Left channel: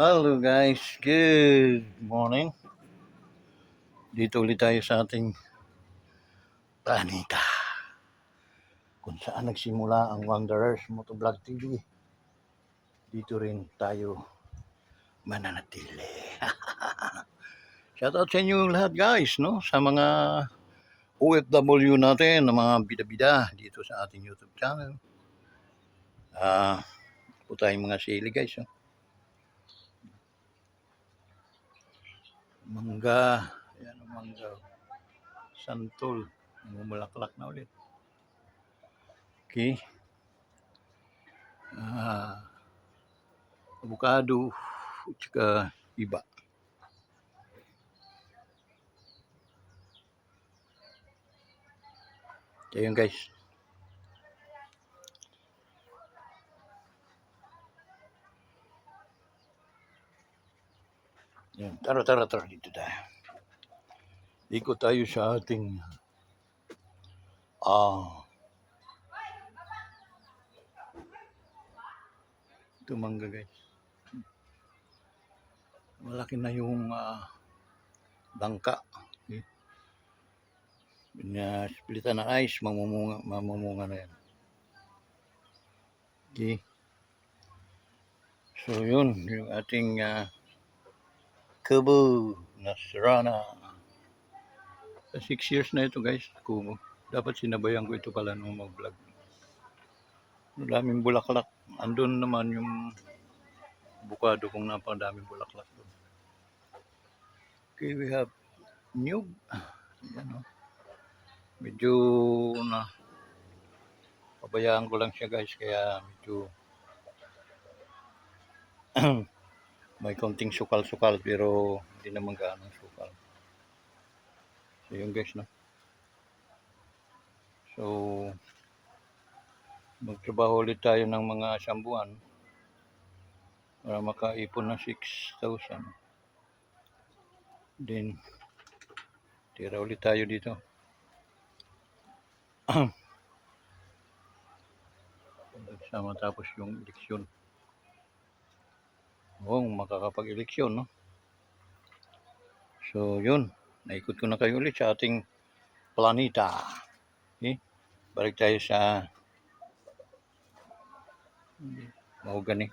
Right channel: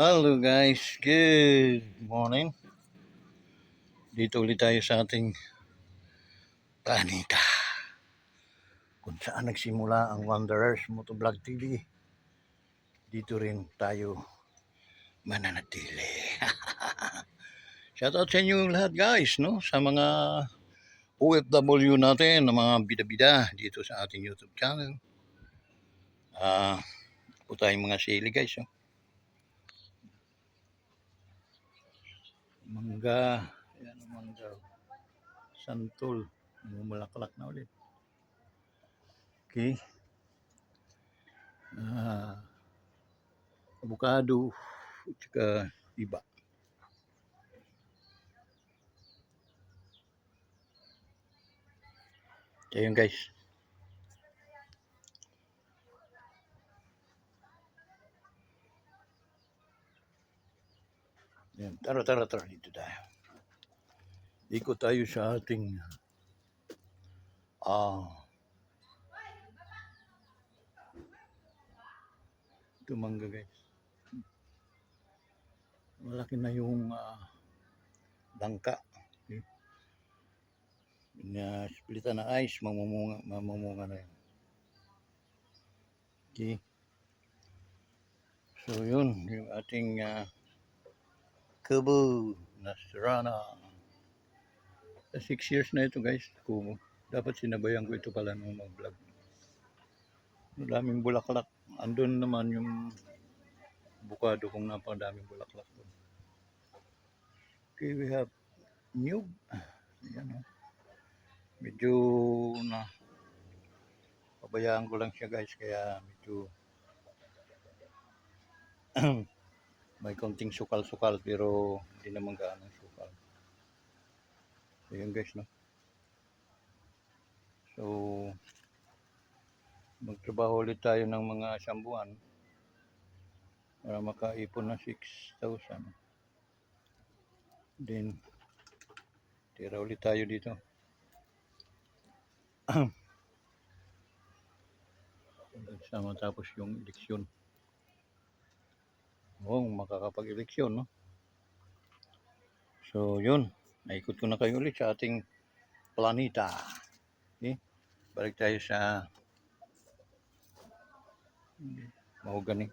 Hello guys, good morning. Dito ulit tayo sa ating planeta kung saan nagsimula ang Wanderers Motovlog TV. Dito rin tayo mananatili. Shoutout sa inyo lahat guys, no? Sa mga OFW natin, na mga bida-bida dito sa ating YouTube channel. Po tayong mga sili guys, no? Mangga, yan ang mangga. Santol, mumulaklak na ulit. Okay. Avocado, tsaka iba. Ayun guys. Yan. Tara dito tayo. Ikot tayo sa ating ito mangga guys. Malaki na yung bangka. Okay. Splitan na ice, mamumunga na yan. Okay. So yun, yung ating kubo na Serrana. 6 years na ito guys, kubo. Dapat sinabayan ko ito pala nung mag-vlog. Daming bulaklak. Andun naman yung avocado kung napadaming bulaklak. Okay, we have new. Medyo na pabayaan ko lang siya guys, kaya medyo may konting sukal-sukal pero hindi naman gaano sukal. So yun guys, no? So magtrabaho ulit tayo ng mga isang buwan para makaipon ng 6,000. Then tira ulit tayo dito. Sama tapos yung eleksyon. Makakapag-eleksyon, no? So yun, naikot ko na kayo ulit sa ating planeta. Okay? Balik tayo sa mahogany.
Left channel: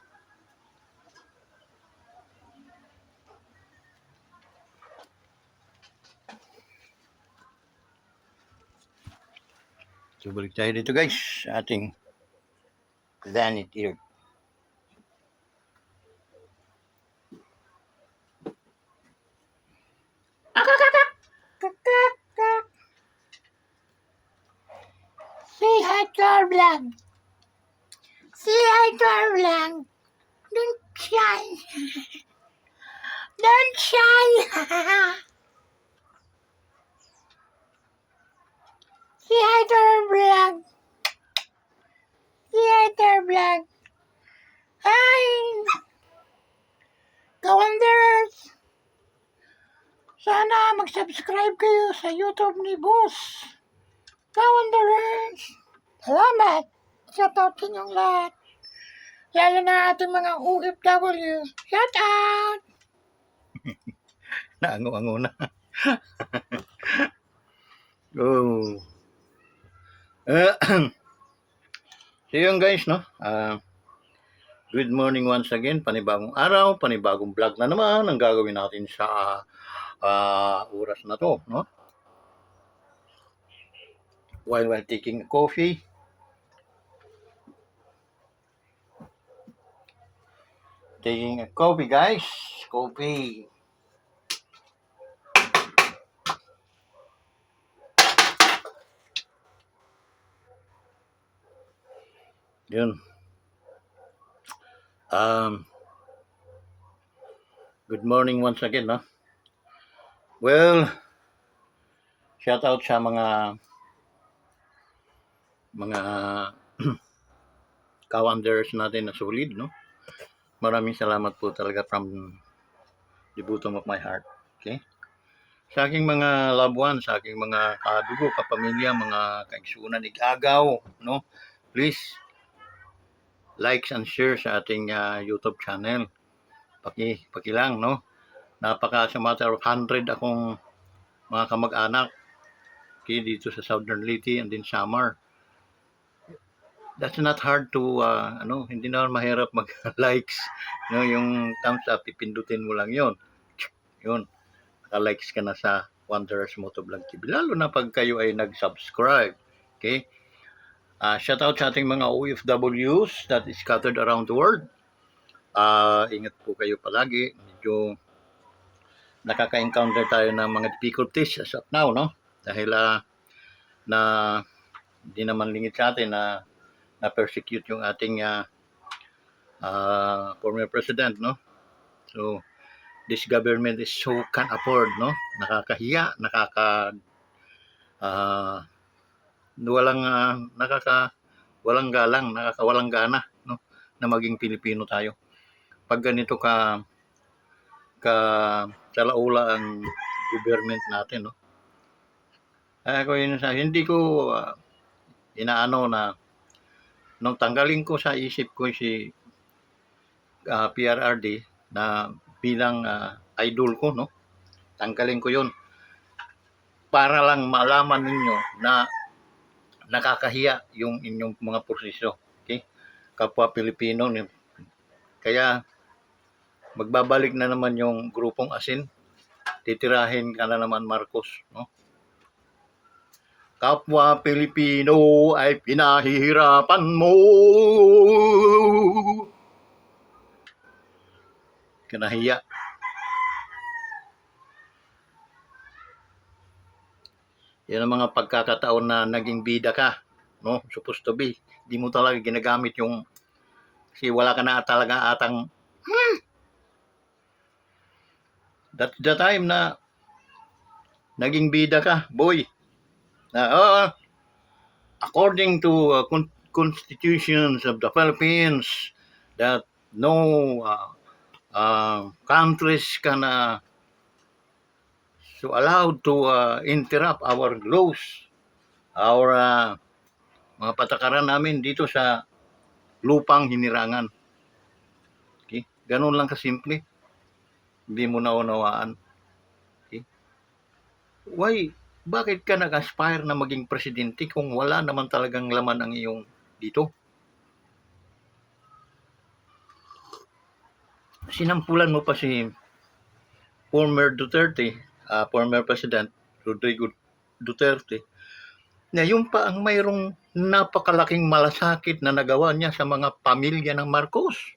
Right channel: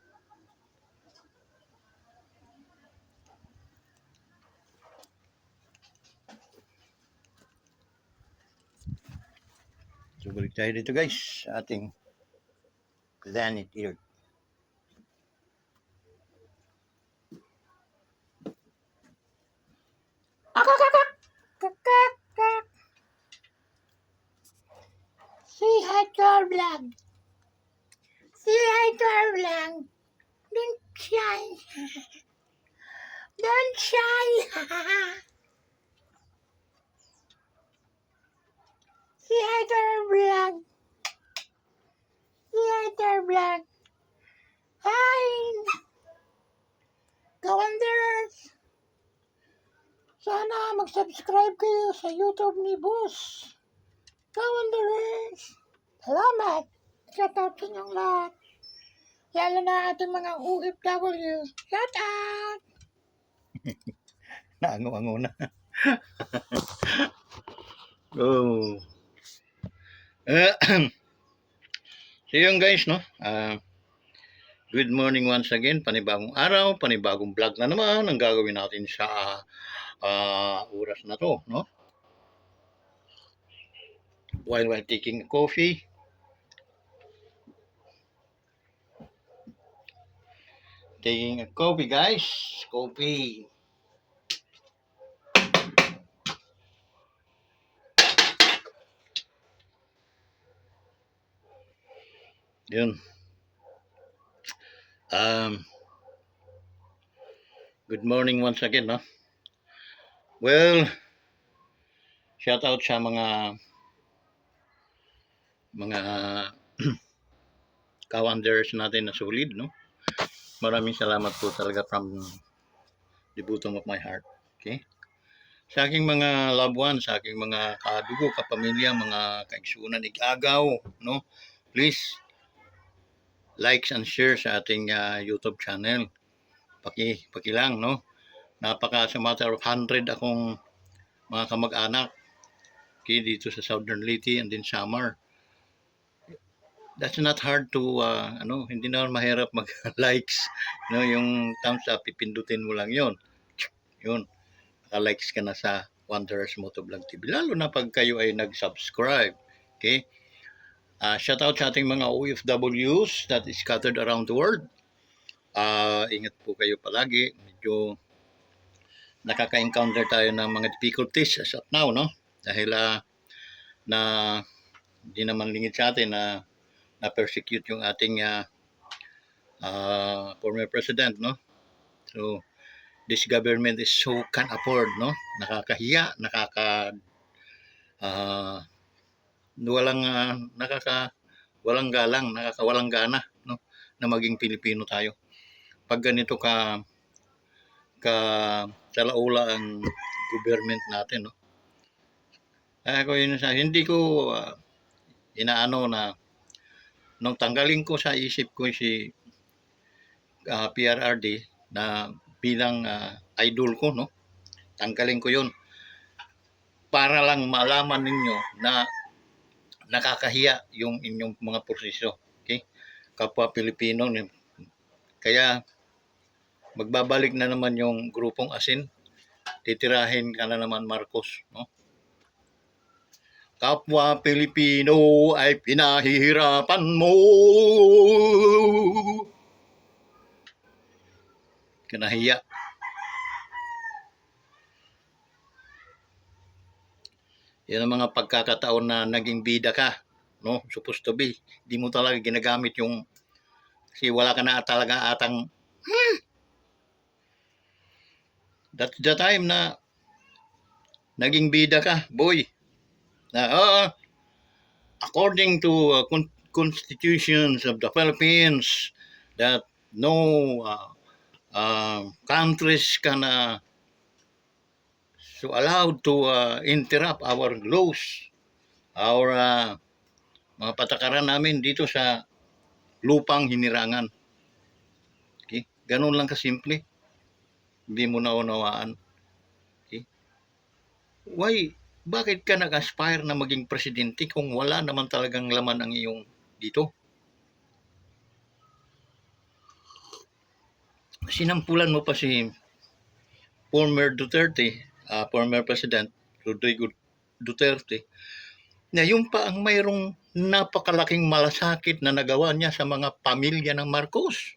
So balik tayo dito guys sa ating planet Earth. Say hi to our vlog. Say hi to our vlog. Don't shy. Don't shy. Say hi to our vlog. Say hi to our vlog. Hi. Kawanderers. Sana mag-subscribe kayo sa YouTube ni Boss. Kawanderers. Salamat. Shoutout sa inyong lahat. Lalo na ating mga OFW. Shoutout. Naango-ango na. Oh. So yun guys, no? Good morning once again. Panibagong araw, panibagong vlog na naman ang gagawin natin sa oras na to, no? While taking a coffee. Taking a coffee guys. Coffee. Yun. Good morning once again, no? Well, shout out sa mga kawanderers natin na solid, no? Maraming salamat po talaga from the bottom of my heart. Okay? Sa aking mga loved ones, sa aking mga kadugo, kapamilya, mga kaigsunan, igagaw, no? Please, likes and share sa ating YouTube channel pakilang, no? Napaka sa matter of 100 akong mga kamag-anak, okay, dito sa Southern Leyte and then Samar. That's not hard to, hindi na mahirap mag-likes, no? Yung thumbs up, pipindutin mo lang yun. Yun, naka-likes ka na sa Wanderers Motovlog TV. Lalo na pag kayo ay nag-subscribe, okay? Shout out sa ating mga OFWs that is scattered around the world. Ingat po kayo palagi. Medyo nakaka-encounter tayo ng mga difficulties as of now, no? Dahil na hindi naman lingid sa atin na na-persecute yung ating former president, no? So, this government is so can't afford, no? Nakakahiya, walang galang, nakakawalang gana, no? Na maging Pilipino tayo. Pag ganito ka salaula ang government natin, no? Ako yun hindi ko inaano na nung tanggalin ko sa isip ko si PRRD na bilang idol ko, no? Tanggalin ko yun para lang malaman ninyo na nakakahiya yung inyong mga prosesyo, okay? Kapwa Pilipino, kaya magbabalik na naman yung grupong asin, titirahin ka na naman Marcos, no? Kapwa Pilipino ay pinahihirapan mo. Kinahiya. Yan ang mga pagkakataon na naging bida ka, no? Supposed to be. Di mo talaga ginagamit yung kasi wala ka na talaga atang that's the time na naging bida ka, boy. Na according to constitutions of the Philippines that no countries can so allowed to interrupt our laws, our mga patakaran namin dito sa lupang hinirangan. Okay? Ganun lang kasimple. Hindi mo naunawaan. Okay? Why? Bakit ka nag-aspire na maging presidente kung wala naman talagang laman ang iyong dito? Sinampulan mo pa si former Duterte, former President Rodrigo Duterte, na yun pa ang mayroong napakalaking malasakit na nagawa niya sa mga pamilya ng Marcos.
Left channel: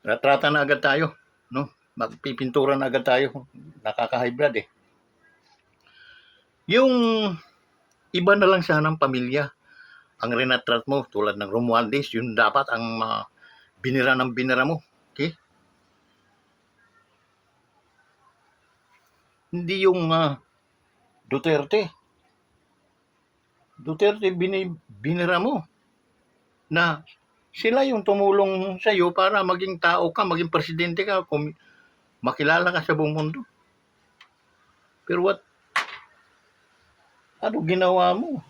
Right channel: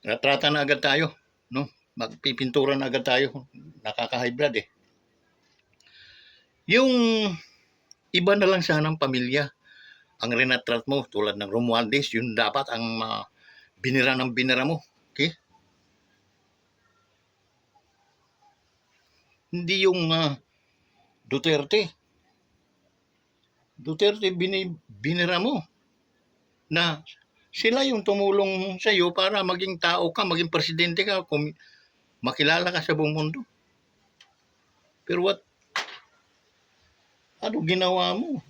Natrata na agad tayo, no? Magpipintura na agad tayo, nakaka-high blood eh. Yung iba na lang sanang pamilya ang rinatrat mo tulad ng Romualdez, yun dapat ang binira ng binira mo. Okay? Hindi yung Duterte. Duterte binira mo na sila yung tumulong sa iyo para maging tao ka, maging presidente ka, makilala ka sa buong mundo. Pero ano ginawa mo?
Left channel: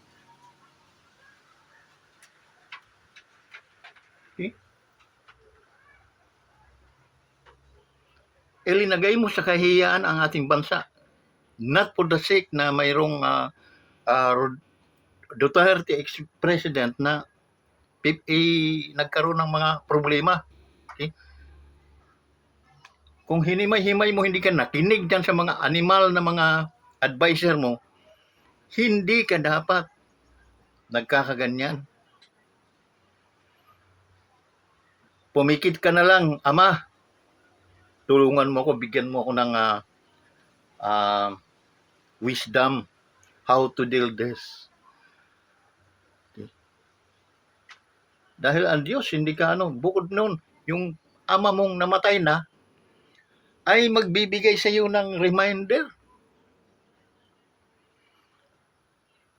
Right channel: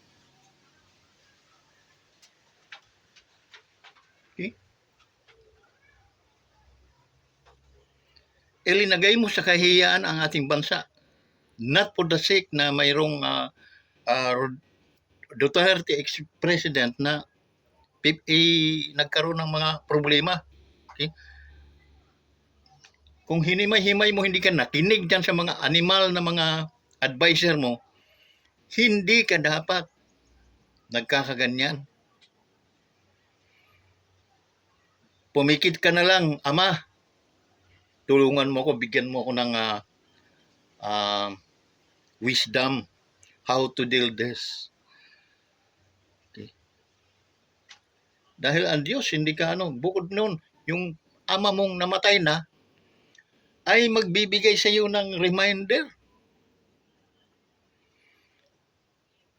Okay? Ilinagay mo sa kahiyaan ang ating bansa. Not for the sake na mayroong Duterte ex-president na nagkaroon ng mga problema. Okay? Kung hinimay-himay mo, hindi ka nakinig dyan sa mga animal na mga advisor mo, hindi ka dapat nagkakaganyan. Pumikit ka na lang, Ama, tulungan mo ko, bigyan mo ko ng wisdom how to deal this. Okay. Dahil ang Diyos, hindi ka bukod noon, yung ama mong namatay na, ay magbibigay sa iyo ng reminder.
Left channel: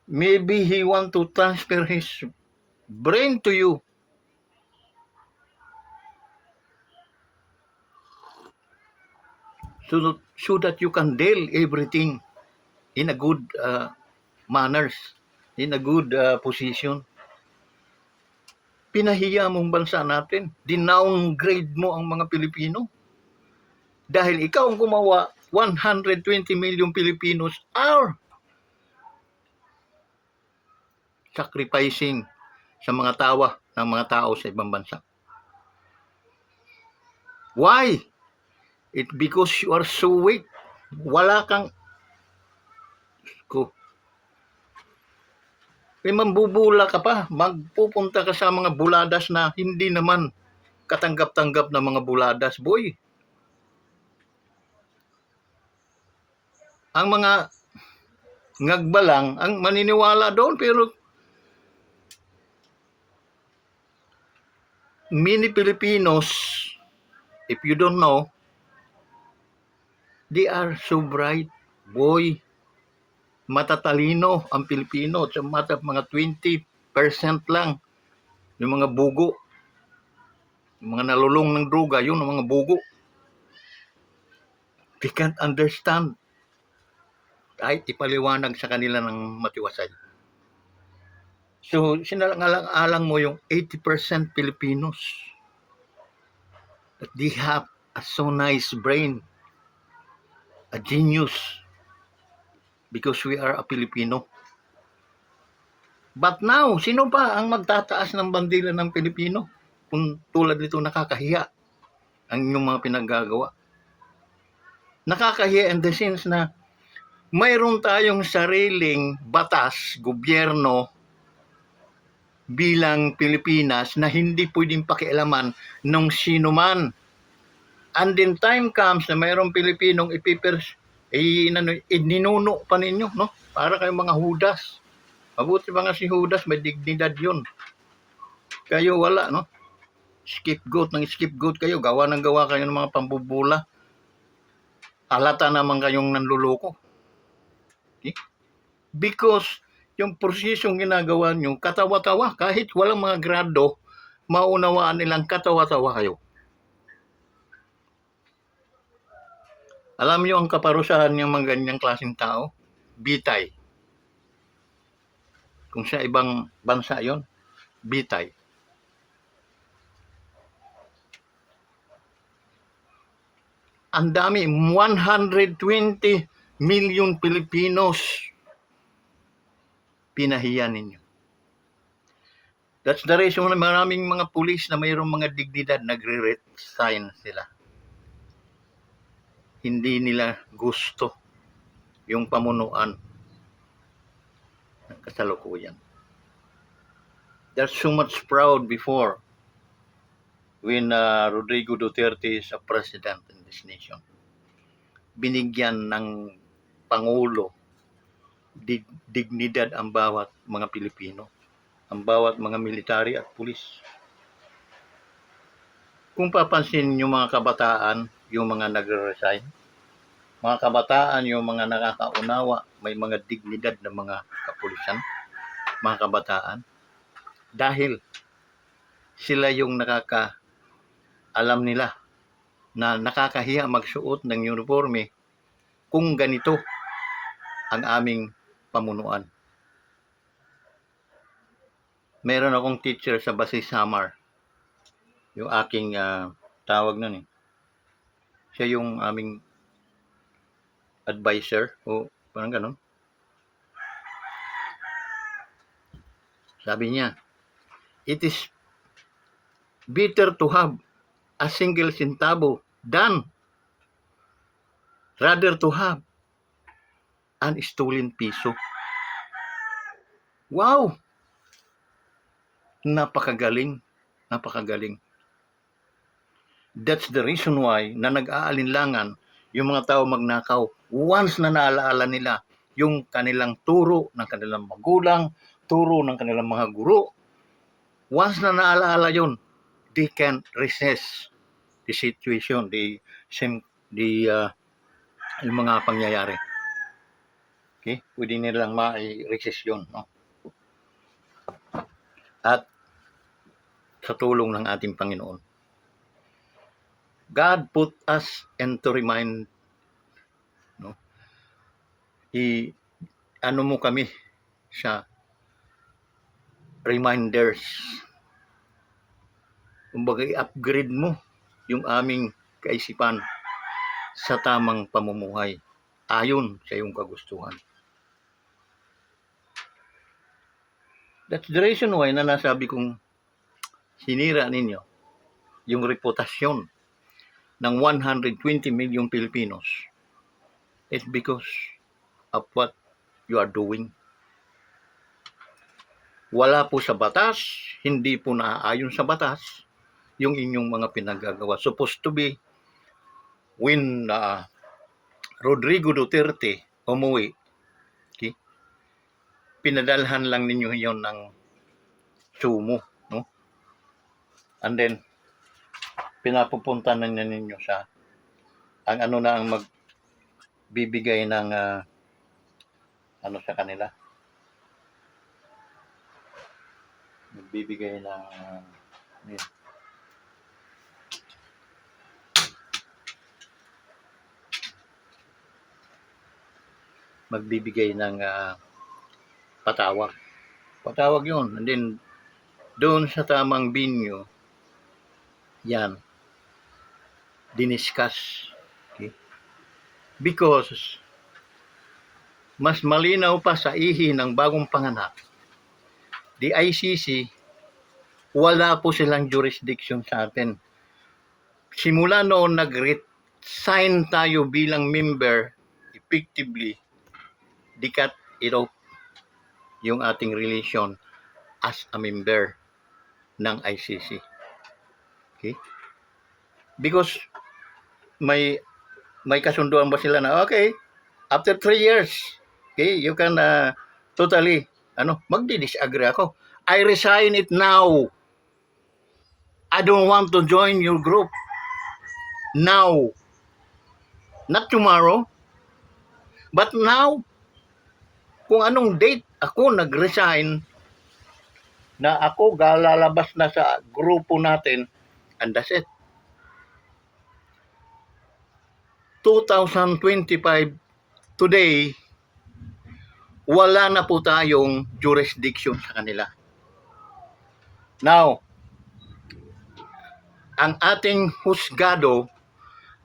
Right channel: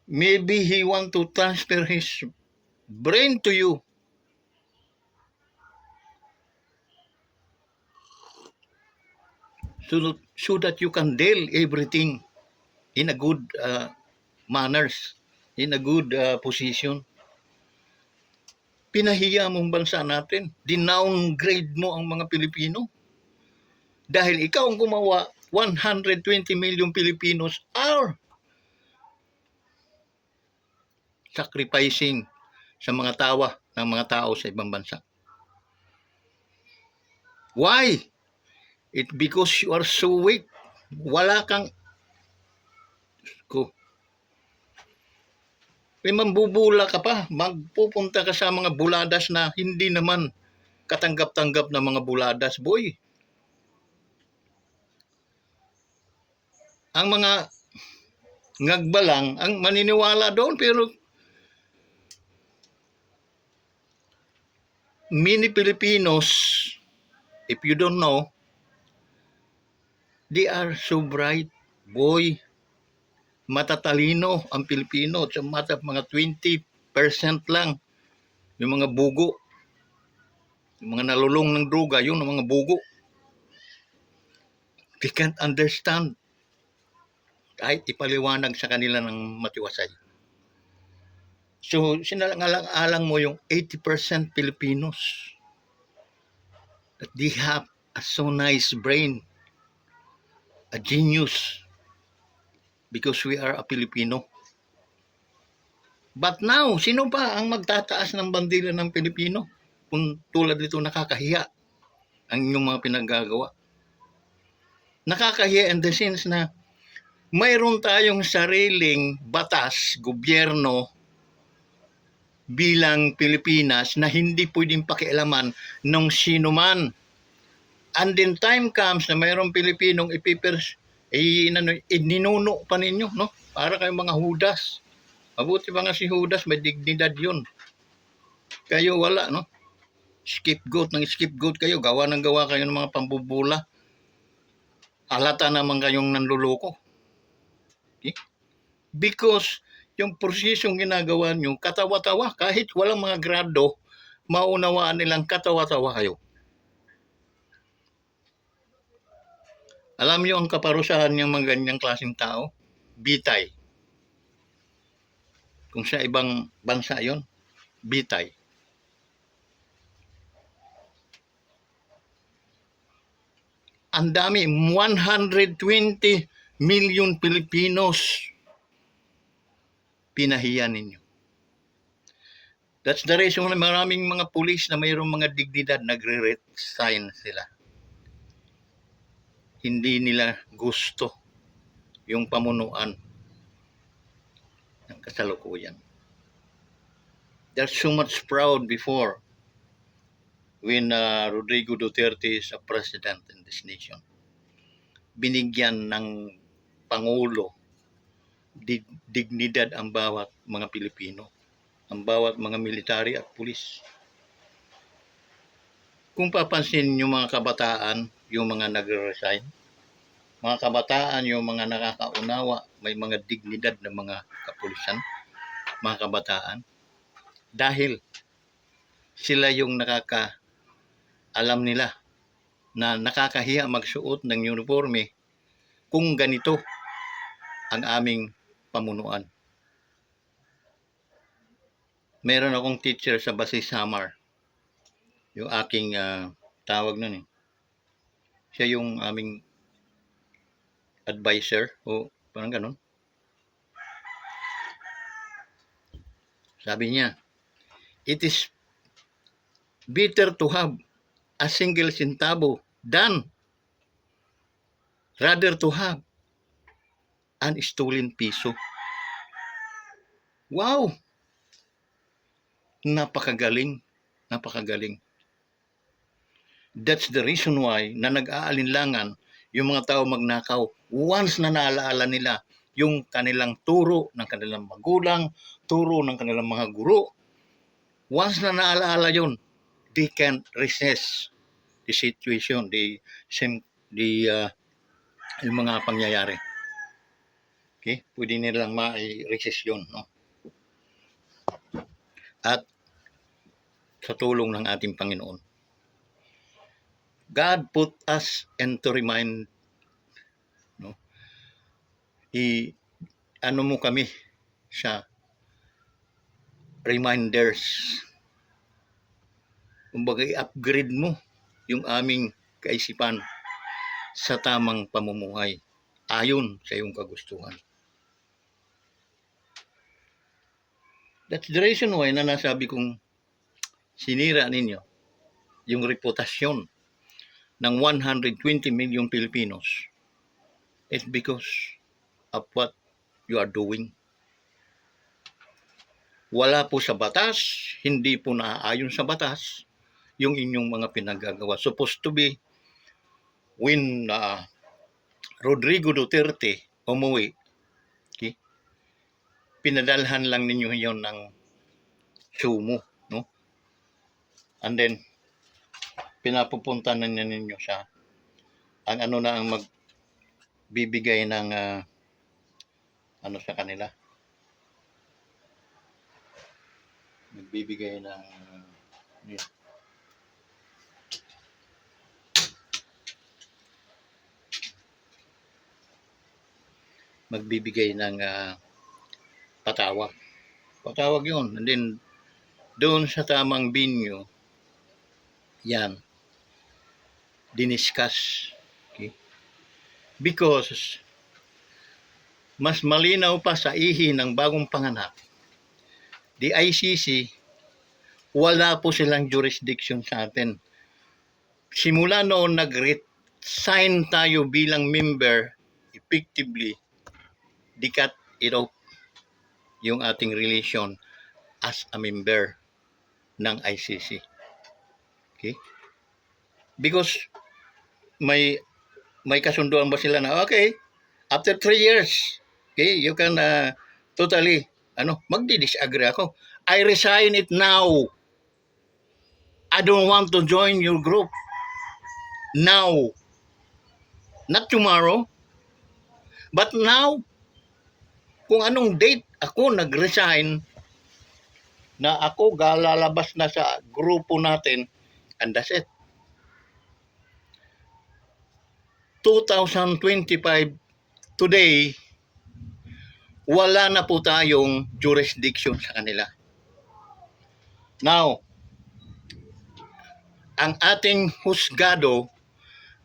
Maybe He want to transfer His brain to you. So that you can deal everything in a good manners, in a good position. Pinahiya mong bansa natin. Dinowngrade mo ang mga Pilipino. Dahil ikaw ang gumawa, 120 million Filipinos are sacrificing sa mga tawa ng mga tao sa ibang bansa. Why? It because you are so weak. Wala kang ko. Mambubula ka pa. Magpupunta ka sa mga buladas na hindi naman katanggap-tanggap na mga buladas, boy. Ang mga ngagbalang ang maniniwala doon, pero many Filipinos, if you don't know, they are so bright, boy. Matatalino ang Pilipino. Sa mga 20% lang yung mga bugo. Yung mga nalulong ng droga, yun ang mga bugo. They can't understand. Kahit ipaliwanag sa kanila ng matiwasay. So, sinalang-alang mo yung 80% Filipinos. That they have a so nice brain. A genius. Because we are a Filipino. But now, sino pa ang magtataas ng bandila ng Pilipino? Kung tulad dito nakakahiya ang inyong mga pinaggagawa. Nakakahiya in the sense na mayroon tayong sariling batas, gobyerno, bilang Pilipinas na hindi pwedeng pakialaman nung sino man. And then time comes na mayroong Pilipinong ninuno pa ninyo, no? Para kayong mga Judas. Mabuti pa nga si Judas, may dignidad yun. Kayo wala, no? Scapegoat kayo, gawa kayo ng mga pambubula. Halata naman kayong nanluloko. Okay? Because yung prosesong ginagawa nyo, katawa-tawa, kahit walang mga grado, maunawaan nilang katawa-tawa kayo. Alam nyo ang kaparusahan ng mga ganyang klaseng tao? Bitay. Kung sa ibang bansa yon, bitay. Ang dami, 120 million Filipinos pinahiya ninyo. That's the reason na maraming mga pulis na mayroong mga dignidad, nagre-resign sila. Hindi nila gusto yung pamunuan ng kasalukuyan. They're so much proud before when Rodrigo Duterte is a president in this nation. Binigyan ng Pangulo dignidad ang bawat mga Pilipino, ang bawat mga military at pulis. Kung papansin yung mga kabataan, yung mga nagre-resign, mga kabataan, yung mga nakakaunawa, may mga dignidad na mga kapulisan, mga kabataan, dahil sila yung alam nila na nakakahiya magsuot ng uniforme kung ganito ang aming pamunuan. Meron akong teacher sa Basi Samar, yung aking tawag nun eh. Siya yung aming advisor o parang ganon. Sabi niya, it is better to have a single centavo than rather to have an stolen piso. Wow! Napakagaling. Napakagaling. That's the reason why na nag-aalinlangan yung mga tao magnakaw once na naalaala nila yung kanilang turo ng kanilang magulang, turo ng kanilang mga guro. Once na naalaala yun, they can resist the situation, yung mga pangyayari. Okay? Pwede nilang ma-resist yun, no? At sa tulong ng ating Panginoon, God put us and to remind, no? Ano mo kami sa reminders kumbaga i-upgrade mo yung aming kaisipan sa tamang pamumuhay ayon sa iyong kagustuhan. That's the reason why na nasabi kong sinira ninyo yung reputasyon ng 120 million Filipinos. It's because of what you are doing. Wala po sa batas, hindi po naaayon sa batas yung inyong mga pinagagawa. Supposed to be when Rodrigo Duterte umuwi, okay, pinadalhan lang ninyo yon ng sumo, no? And then pinapupunta na ninyo sa ang ano na ang magbibigay ng ano sa kanila, magbibigay ng magbibigay ng patawag yun. And then doon sa tamang venue yan diniscuss, okay? Because mas malinaw pa sa ihi ng bagong panganak, the ICC, wala po silang jurisdiction sa atin. Simula noon nag-resign tayo bilang member, effectively, di cut it off yung ating relation as a member ng ICC. Okay? Because may kasunduan ba sila na, okay, after 3 years, okay, you can totally, magdi-disagree ako. I resign it now. I don't want to join your group. Now. Not tomorrow. But now, kung anong date ako nag-resign, na ako galalabas na sa grupo natin, and that's it. 2025, today, wala na po tayong jurisdiction sa kanila. Now, ang ating husgado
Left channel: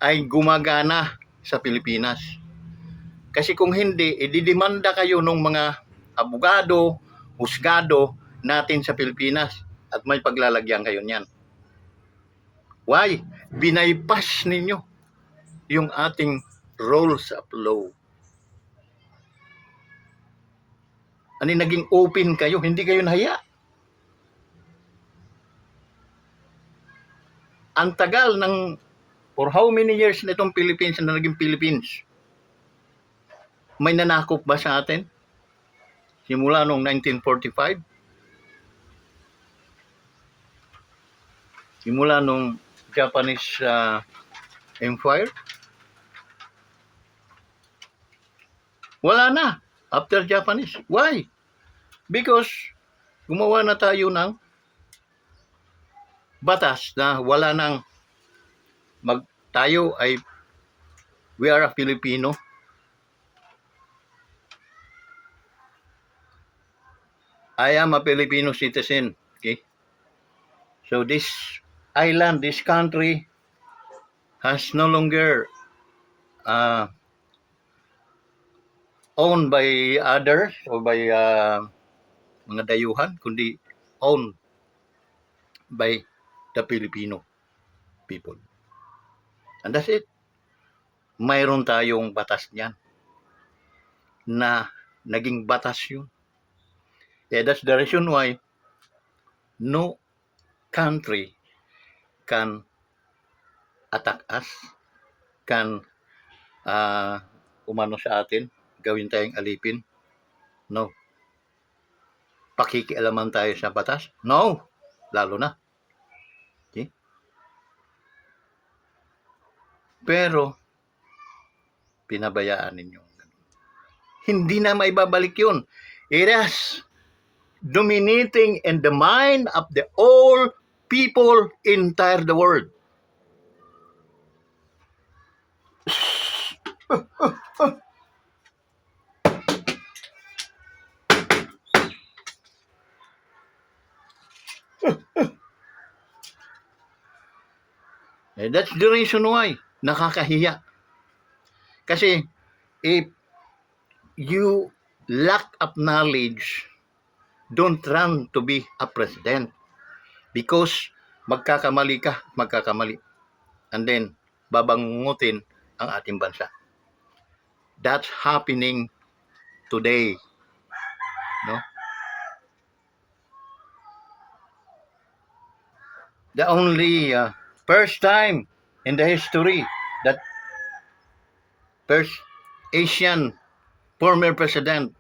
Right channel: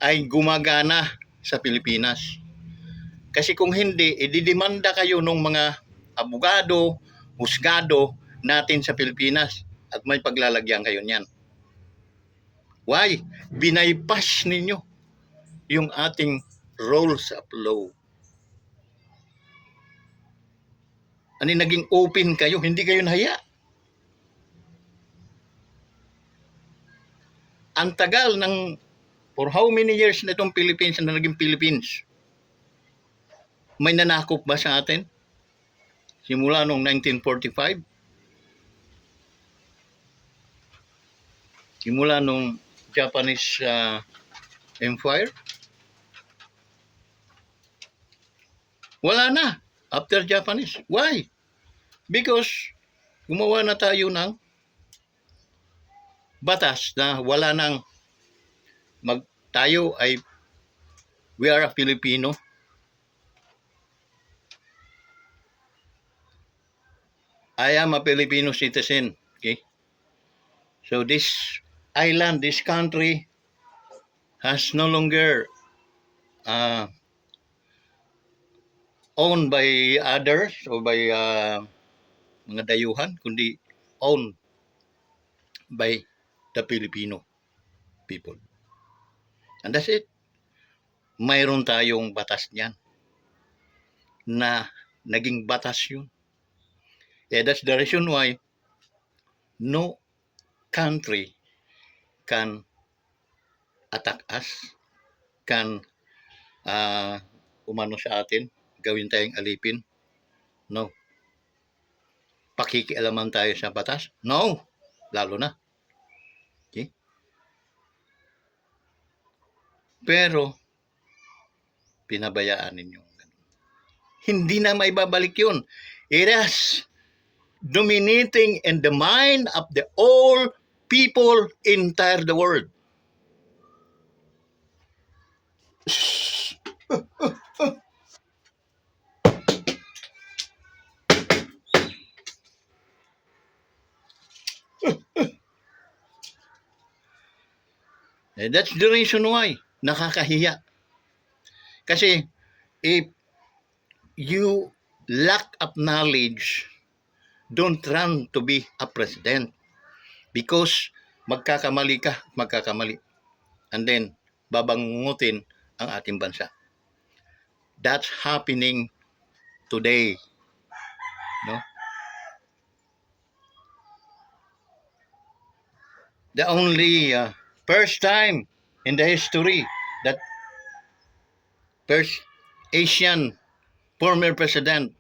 ay gumagana sa Pilipinas. Kasi kung hindi, ididemanda kayo ng mga abogado, husgado natin sa Pilipinas at may paglalagyan kayo niyan. Why? Binaypas ninyo yung ating rules of law. Ano, naging open kayo, hindi kayo nahiya. Ang tagal ng for how many years na itong Philippines na naging Philippines? May nanakop ba sa atin? Simula noong 1945? Simula noong Japanese Empire? Wala na. After Japanese. Why? Because gumawa na tayo ng batas na wala nang tayo ay we are a Filipino. I am a Filipino citizen. Okay? So this island, this country has no longer owned by others or by mga dayuhan, kundi owned by the Filipino people. And that's it. Mayroon tayong batas niyan na naging batas yun. Yeah, that's the reason why no country can attack us, can umano sa atin, gawin tayong alipin. No. Pakikialaman tayo sa batas? No. Lalo na. Okay? Pero, pinabayaan ninyo. Hindi na maibabalik yun. It is dominating in the mind of the all people entire the world. That's the reason why nakakahiya. Kasi if you lack of knowledge, don't run to be a president. Because magkakamali ka, magkakamali. And then, babangutin ang ating bansa. That's happening today. No? The only first time in the history that first Asian former president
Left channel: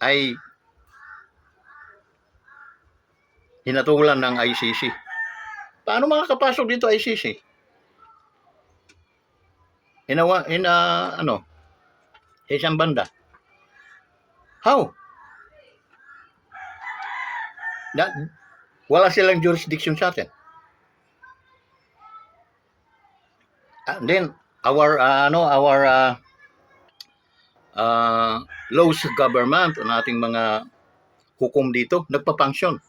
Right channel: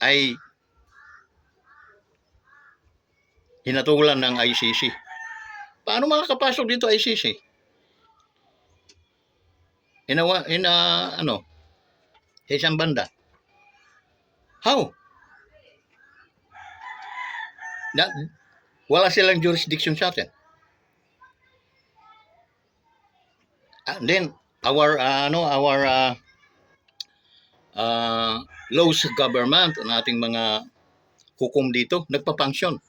ay hinatulan ng ICC. Paano makakapasok dito ICC? Sa isang banda. How? Wala silang jurisdiction sa atin. And then our laws government, ang ating mga hukom dito, nagpa-function.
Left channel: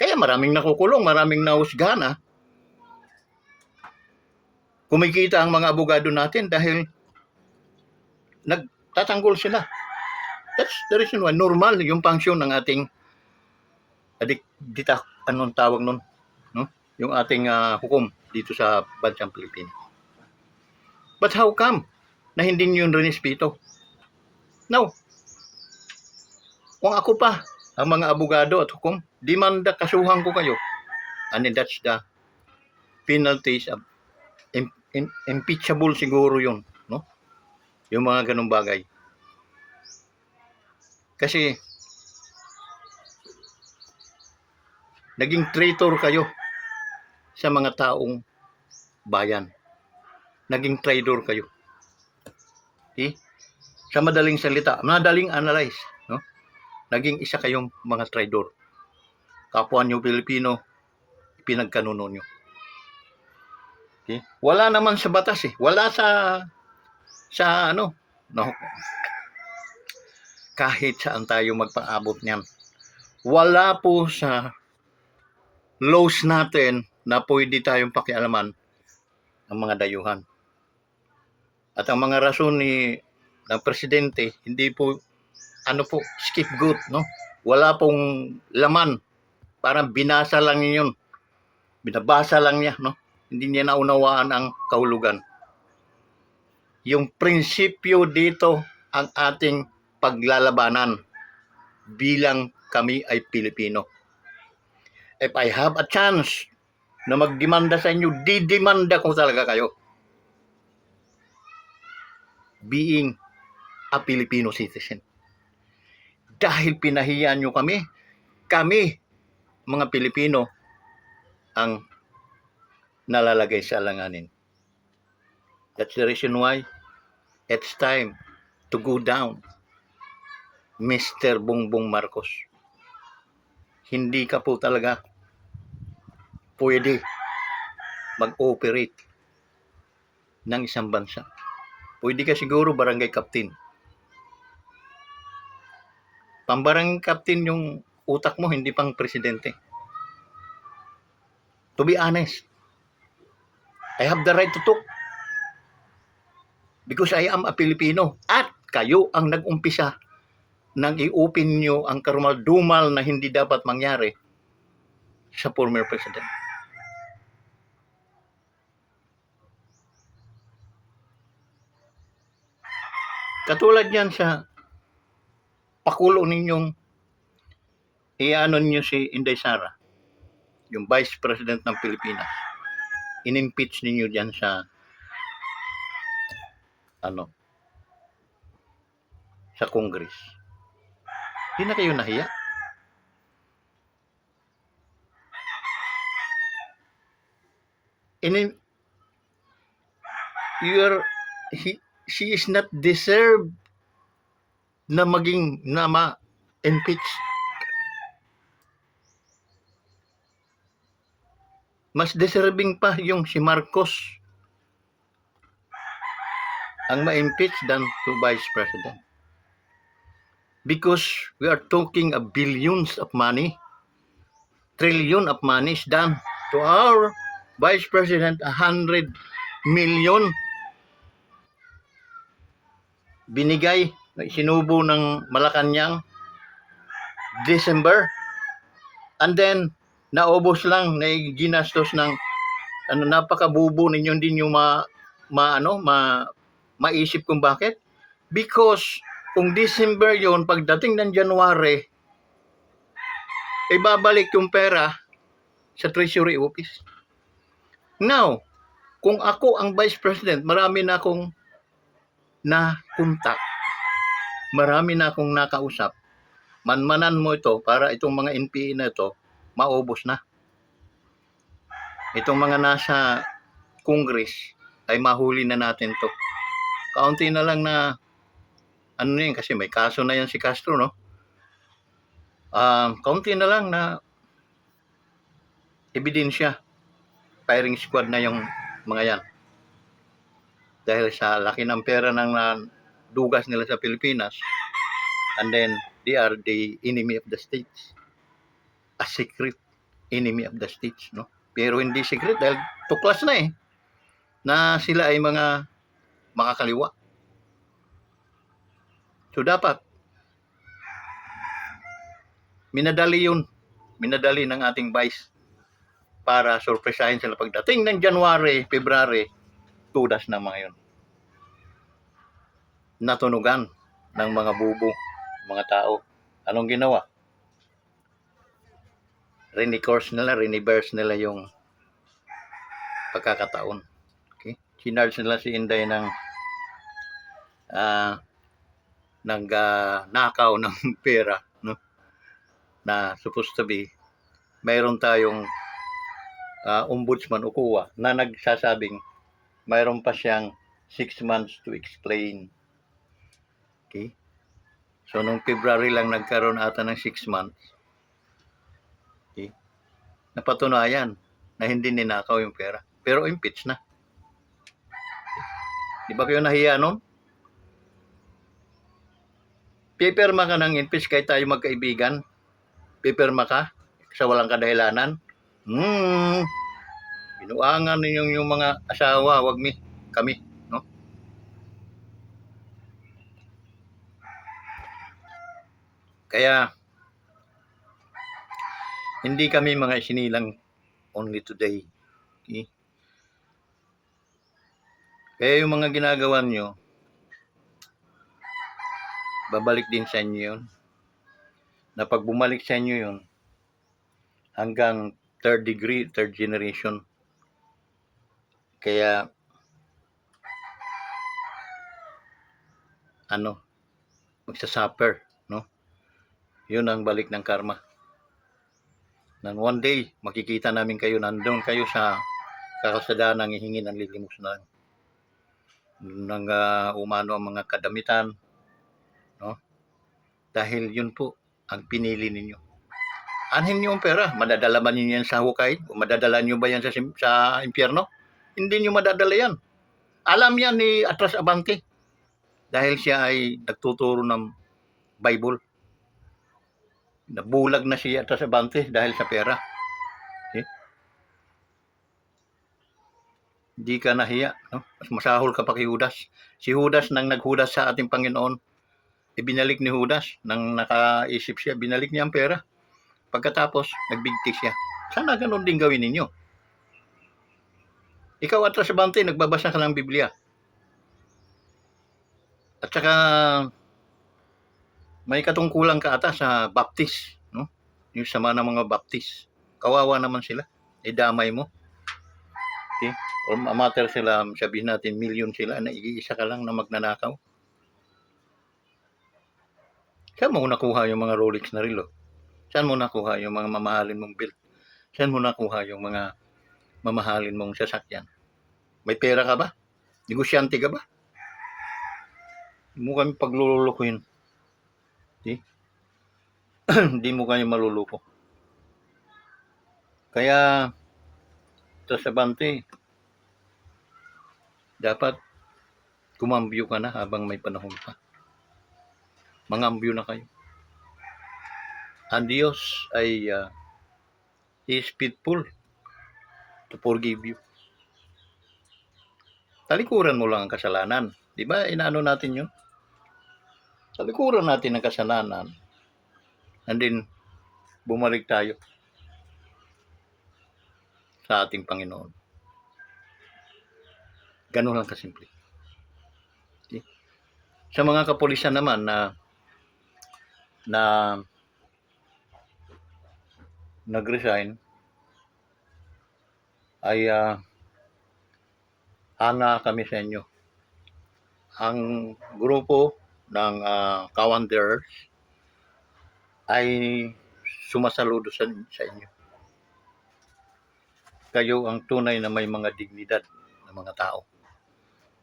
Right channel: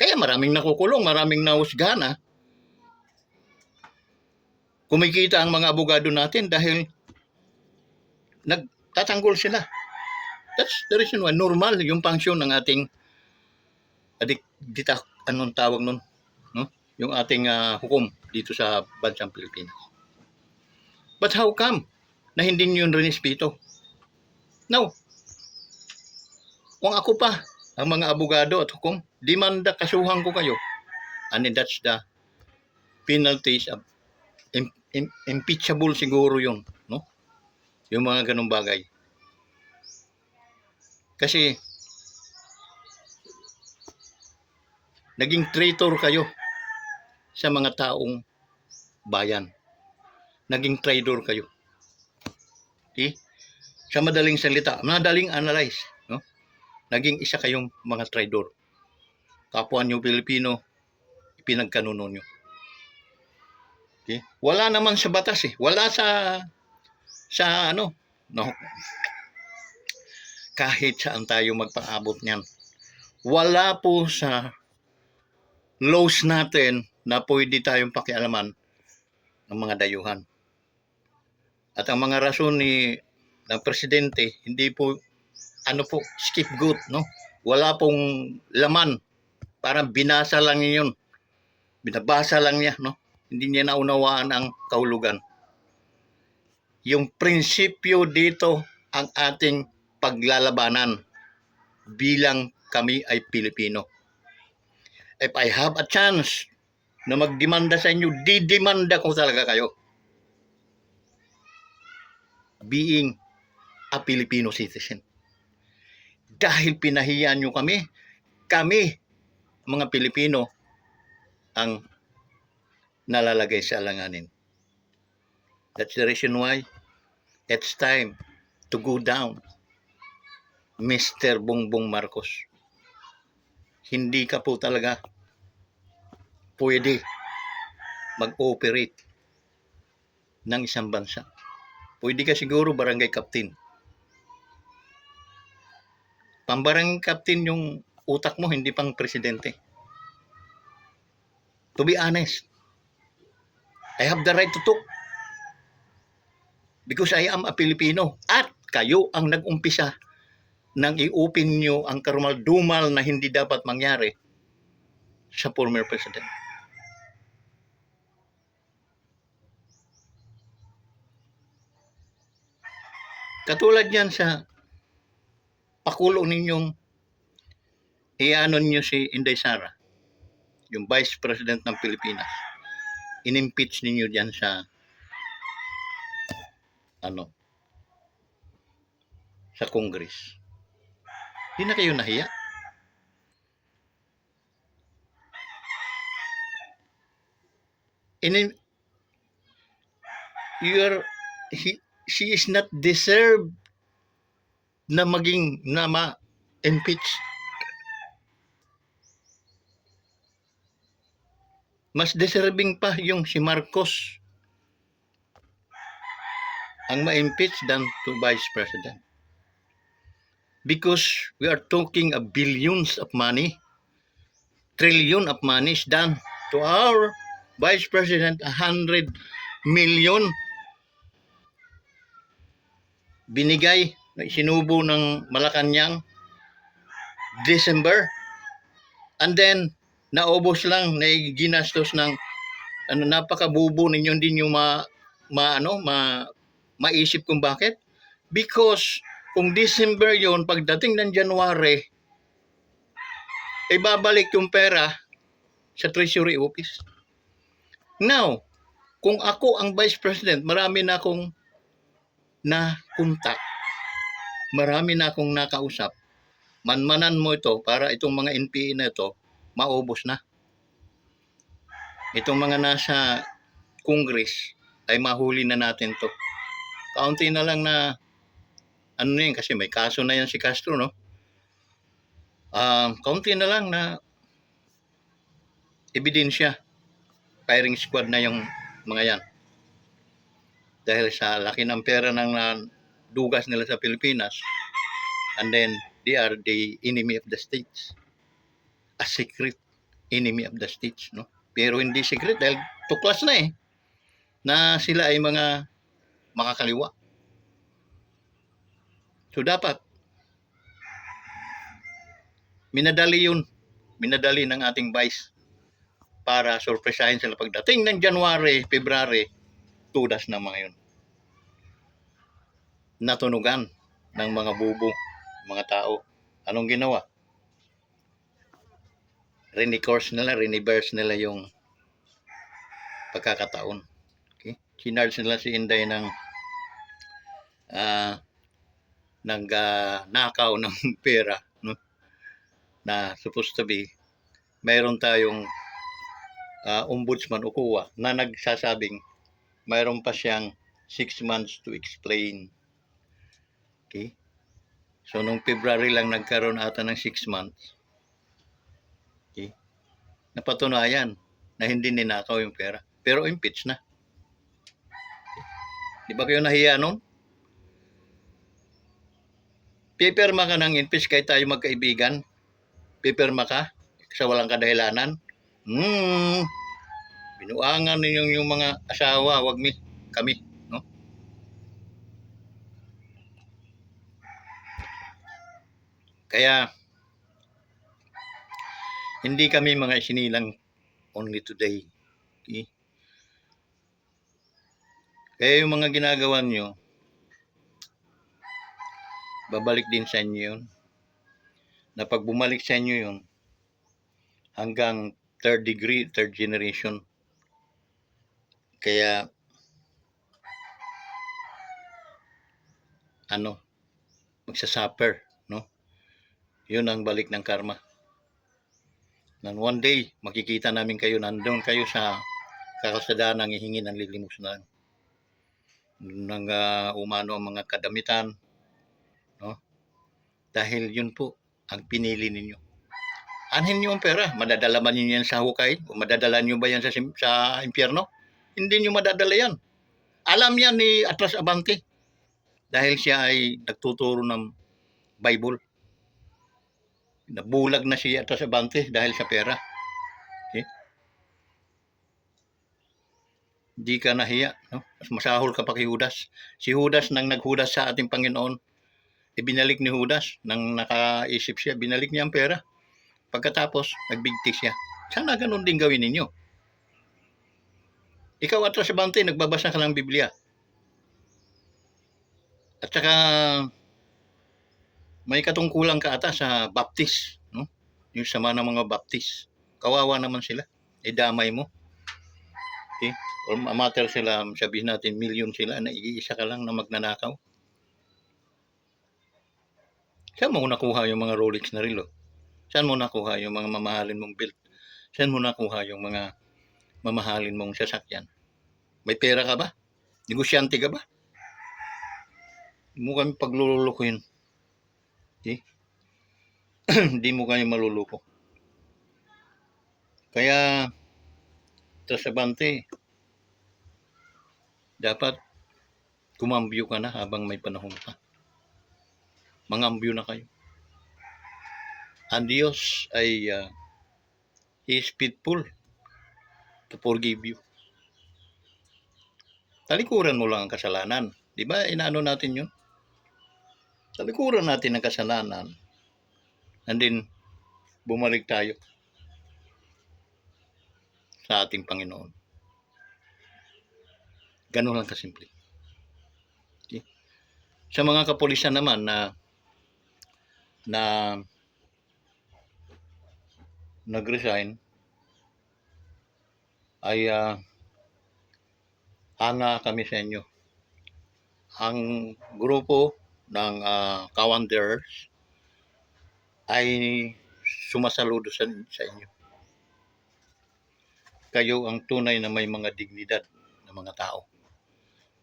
Kaya maraming nakukulong, maraming nahusgana. Kumikita ang mga abogado natin dahil nagtatanggol sila. That's the reason why normal yung function ng ating anong tawag nun? No? Yung ating hukom dito sa bansang Pilipinas. But how come na hindi nyo yun rinispeto? No. Kung ako pa, ang mga abogado at hukom, demanda, kasuhan ko kayo. And then that's the penalties of impeachable siguro yun. No? Yung mga ganung bagay. Kasi naging traitor kayo sa mga taong bayan. Naging traitor kayo. Okay? Sa madaling salita, madaling analyze, no? Naging isa kayong mga traitor. Kapwa nyo Pilipino, pinagkanuno nyo. Okay? Wala naman sa batas eh. Wala sa no? Kahit saan tayo magpaabot niyan. Wala po sa laws natin na pwede tayong pakialaman ang mga dayuhan. At ang mga rason ng presidente, hindi po, scapegoat, no? Wala pong laman. Parang binasa lang yun. Binabasa lang niya, no? Hindi niya naunawaan ang kahulugan. Yung prinsipyo dito ang ating paglalabanan bilang kami ay Pilipino. If I have a chance na magdemanda sa inyo, didemanda ko talaga kayo. Being a Filipino citizen. Dahil pinahiya nyo kami, mga Pilipino, ang nalalagay sa alanganin. That's the reason why it's time to go down, Mr. Bongbong Marcos. Hindi ka po talaga pwede mag-operate ng isang bansa. Pwede ka siguro barangay captain. Pambarangay captain yung utak mo, hindi pang presidente. To be honest, I have the right to talk. Because I am a Filipino. At kayo ang nag-umpisa nang i-open nyo ang karumal-dumal na hindi dapat mangyari sa former president. Katulad yan sa pakulo ninyong nyo si Inday Sara, yung Vice President ng Pilipinas. In-impeach ninyo dyan sa sa Congress. Hindi na kayo nahiya? She is not deserved na ma-impeach. Mas deserving pa yung si Marcos ang ma-impeach than to Vice President. Because we are talking of billions of money, trillion of money is done to our Vice President, 100 million binigay, sinubo ng Malacanang December. And then, naubos lang, na ginastos ng napakabubo ninyo, hindi nyo maisip kung bakit. Because kung December yon, pagdating ng January, ibabalik yung pera sa Treasury Office. Now, kung ako ang Vice President, marami na akong na-contact, marami na akong nakausap. Manmanan mo ito para itong mga NPA na ito, maubos na. Itong mga nasa Congress ay mahuli na natin to. Kaunti na lang na kasi may kaso na yan si Castro, no? Kaunti na lang na ebidensya. Firing squad na yung mga yan. Dahil sa laki ng pera ng dugas nila sa Pilipinas, and then they are the enemy of the states. A secret enemy of the states, no? Pero hindi secret dahil tuklas na na sila ay mga makakaliwa. So dapat minadali ng ating vice para surpresahin sila pagdating ng January, February, tudas na mga yun. Natunugan ng mga bubo, mga tao. Anong ginawa? Reverse nila yung pagkakataon. Okay? Sinarge nila si Inday ng nakaw ng pera, no? Na supposed to be mayroon tayong ombudsman o COA na nagsasabing mayroon pa siyang 6 months to explain. Okay? So nung February lang nagkaroon ata ng 6 months. Okay? Napatunayan na hindi ninakaw yung pera. Pero impeach na. Di ba kayo nahiya nun? Pipirma ka ng impeach kahit tayo magkaibigan. Pipirma ka sa walang kadahilanan. Binuangan ninyong yung mga asawa, wag kami, no? Kaya hindi kami mga sinilang only today. Okay? Kaya yung mga ginagawa nyo, babalik din sa inyo yun. Na pag bumalik sa inyo yun, hanggang third generation. Kaya, magsasuffer, no? Yun ang balik ng karma. Nang one day, makikita namin kayo, nandun kayo sa kakasadaan ng hihingi ng lilimosnan. Nang umano ang mga kadamitan, no? Dahil yun po ang pinili ninyo. Anhin nyo ang pera, madadala ba ninyo yan sa hukay? O madadala nyo ba yan sa impyerno? Hindi nyo madadala yan. Alam yan ni Atras Abante dahil siya ay nagtuturo ng Bible. Nabulag na si Atras Abante dahil sa pera. Okay? Hindi ka nahiya, no? Mas masahol ka pa kay Judas. Si Judas nang naghudas sa ating Panginoon, ibinalik ni Judas, nang nakaisip siya, binalik niya ang pera. Pagkatapos, nagbigti siya. Sana ganun din gawin ninyo. Ikaw Atras Abante, nagbabasa ka ng Biblia. At saka, may katungkulan ka ata sa Baptist, no? Yung sama ng mga Baptist. Kawawa naman sila. Idamay mo. Okay? O amater sila, sabihin natin, million sila, na iisa ka lang na magnanakaw. Saan mo nakuha yung mga Rolex na relo? Saan mo nakuha yung mga mamahalin mong belt? Saan mo nakuha yung mga mamahalin mong sasakyan? May pera ka ba? Negosyante ka ba? Hindi mo kami paglulukuhin. Okay? Hindi mo kami maluluko. Kaya, Atras Abante, dapat kumambyo ka na habang may panahon pa. Mangambyo na kayo. Ang Diyos ay He is faithful to forgive you. Talikuran mo lang ang kasalanan. Di ba? Inaano natin yun? Talikuran natin ang kasalanan. And then, bumalik tayo sa ating Panginoon. Ganun lang kasimple. Okay? Sa mga kapulisan naman na nag-resign, ay hanga kami sa inyo. Ang grupo ng Cowanderers ay sumasaludo sa inyo. Kayo ang tunay na may mga dignidad ng mga tao.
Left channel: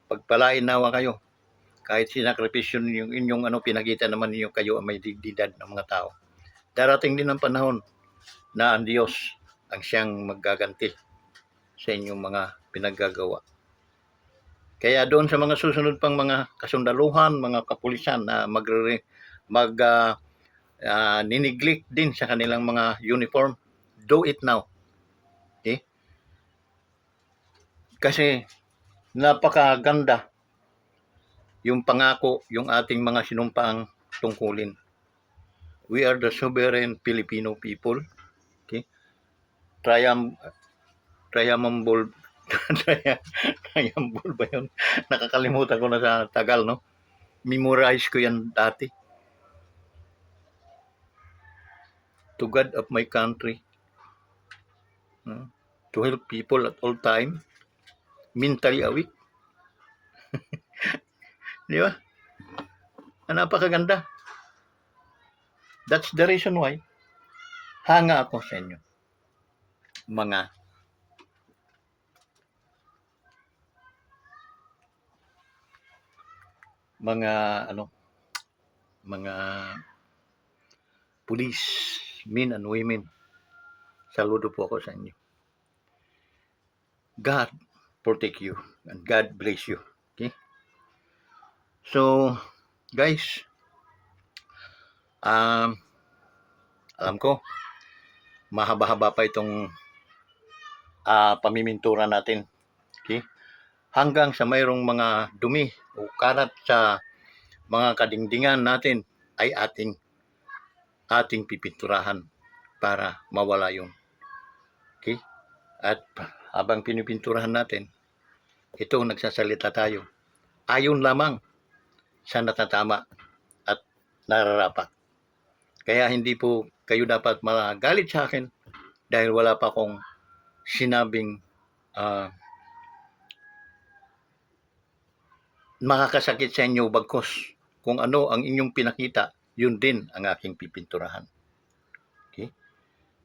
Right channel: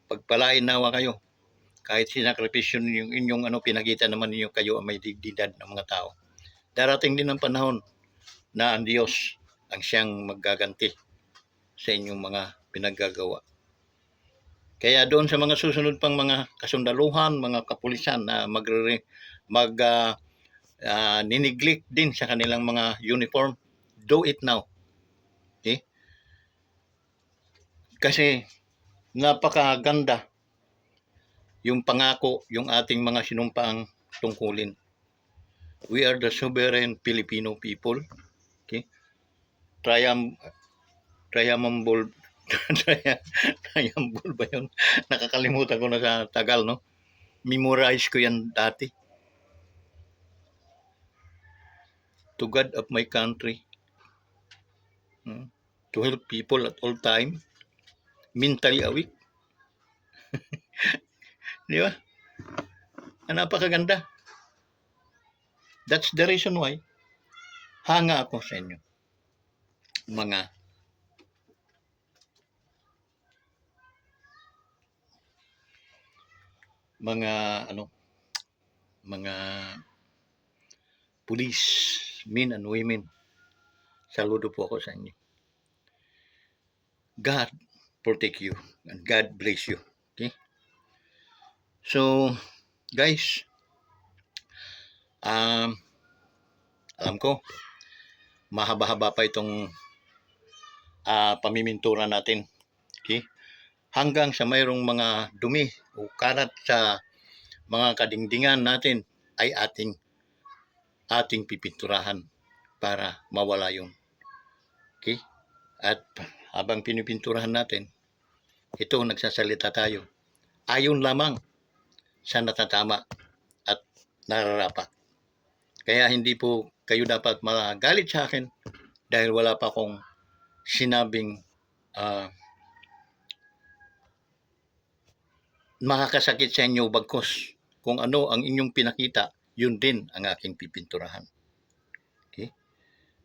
Pagpalain nawa kayo, kahit sinakripisyon yung inyong pinagita naman ninyo, kayo ang may dignidad ng mga tao. Darating din ang panahon na ang Diyos ang siyang maggaganti sa inyong mga pinaggagawa. Kaya doon sa mga susunod pang mga kasundaluhan, mga kapulisan na nineglect din sa kanilang mga uniform, do it now. Okay? Kasi napakaganda yung pangako, yung ating mga sinumpaang tungkulin. We are the sovereign Filipino people. Okay? Triumphal ba yun? Nakakalimutan ko na sa Tagal, no? Memorize ko yan dati. To God of my country, to help people at all time, mentally awake. Di ba? Napakaganda. That's the reason why hanga ako sa inyo, mga police, men and women. Saludo po ako sa inyo. God protect you and God bless you. Okay? So, guys, alam ko mahaba-haba pa itong pamimintura natin. Okay? Hanggang sa mayroong mga dumi o karat sa mga kadingdingan natin ay ating pipinturahan para mawala yun. Okay? At habang pinipinturahan natin, ito nagsasalita tayo ayon lamang sa natatama at nararapat. Kaya hindi po kayo dapat magalit sa akin dahil wala pa akong sinabing makakasakit sa inyo, bagkus kung ano ang inyong pinakita, yun din ang aking pipinturahan. Okay?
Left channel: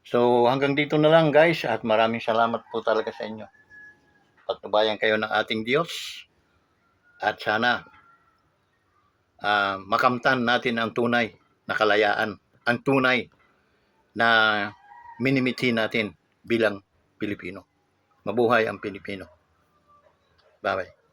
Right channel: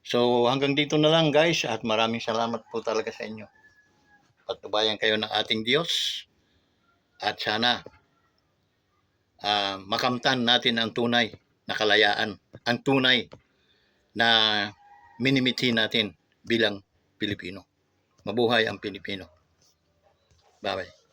So hanggang dito na lang, guys, at maraming salamat po talaga sa inyo. Patnubayan kayo ng ating Diyos at sana makamtan natin ang tunay na kalayaan, ang tunay na minimithi natin bilang Pilipino. Mabuhay ang Pilipino. Bye-bye.